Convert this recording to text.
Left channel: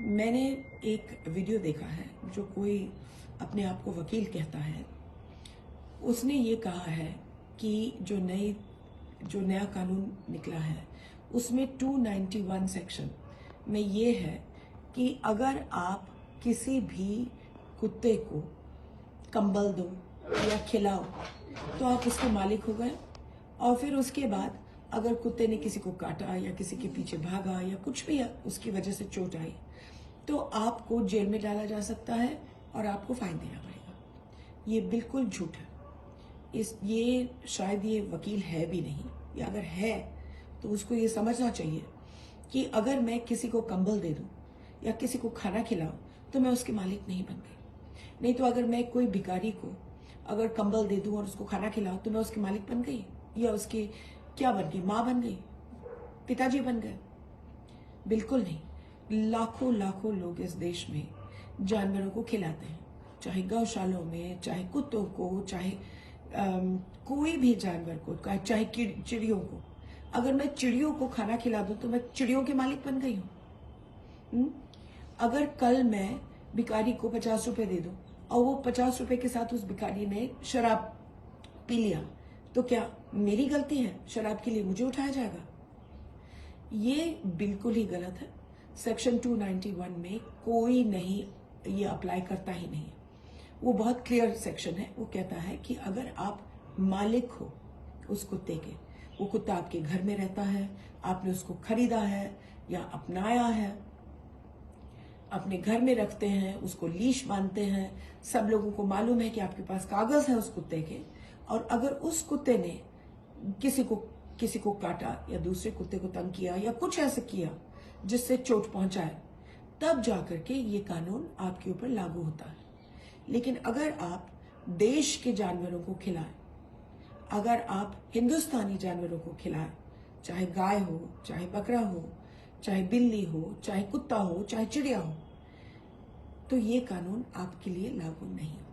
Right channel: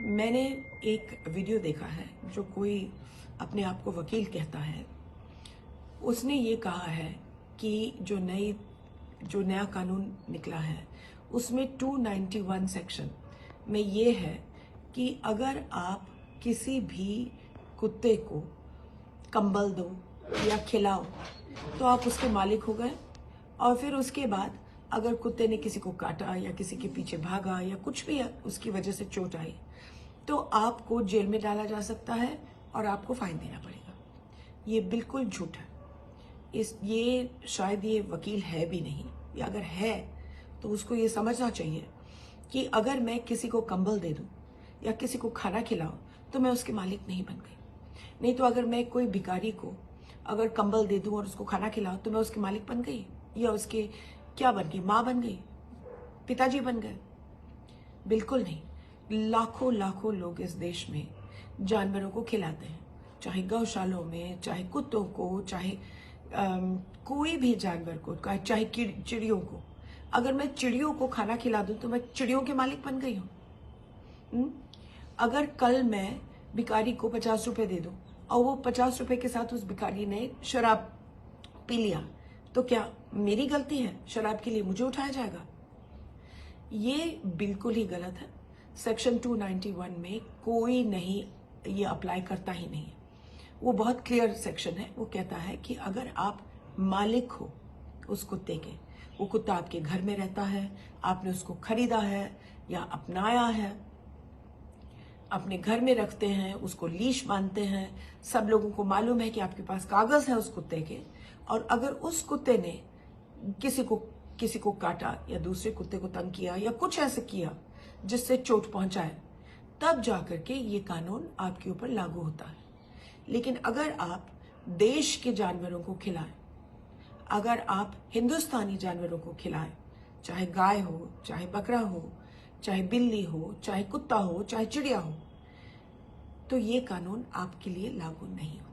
मैंने एक वीडियो देखा है जो कोई अपने आप को वकील कहता है। उसने ये कहा है कि जो नया कानून निकला है उसमें 291 सेक्शन में ये है कि अगर आप किसी भी कुत्ते को कंबल दो या खिलाओ तो आप उसके मालिक हो गए, और फिर उसके बाद अगर कुत्ते ने किसी को काटा या किसी के पीछे भागा या कुछ भी उसकी वजह से चोट आई तो आपको जेल में डाला जा सकता है और आपको फाइन देना पड़ेगा। ये बिल्कुल झूठ है। ये शायद ये वकील है भी नहीं, या अगर है तो उसको ये समझना चाहिए कि अगर मैं किसी को कंबल दे दूं या किसी को खाना खिलाऊं तो मैं उसके मालिक नहीं बन गई। नहीं तो अगर मैं कोई भिखारी को अगर कंबल दे दूं और उसको खाना खिलाऊं तो मैं उसकी मालिक बन गई, या उसके क्या बन गई, माँ बन गई, पिताजी बन गए? बिल्कुल नहीं। लाखों लाखों लोग इस देश में जानवरों को खिलाते हैं, चाहे गौशालों में, चाहे कुत्तों को, चाहे कोई भी जानवर को, चाहे चिड़ियों को। अगर मैं चिड़ियों को खाना खिला दूं तो मैं चिड़ियों के मालिक बन गई हूं। अगर कल मैं भिखारी को 50 रुपए दे दूं और वो 50 रुपए के साथ उस भिखारी ने शराब पी लिया तो क्या मेरी गलती है? शराब के लिए मुझे उठाया जाएगा? ये बिल्कुल ही गलत है। सेक्शन 291 में कोई नहीं ये अप्लाई करता ही नहीं। वो बहुत क्लियर सेक्शन है। वो कहता है कि अगर आप मालिक हो उस कुत्ते के, वो कुत्ता आपके घर में रहता है, आपने उसको खरीदा है या अपनाया है, अपने घर में रखते हैं, उसको लीश बांधते हैं, सब लोगों को मालूम है कि आपके पास कागज है उस कुत्ते के, और अगर उस कुत्ते ने किसी को काटा या दूसरे कुत्ते को तंग किया या कुछ ऐसे किया जिससे चोट पहुंचाए, तब जाकर के ये कानून आपके ऊपर लागू होता है। लेकिन अगर आप देश के जानवरों को खिलाएं, अगर आप हिंदुस्तानी जानवरों को खिलाएं, चाहे गाय हो, चाहे बकरा हो, चाहे बिल्ली हो, चाहे कुत्ता हो, चाहे चिड़िया हो, तो ये कानून आपके लिए लागू नहीं होगा।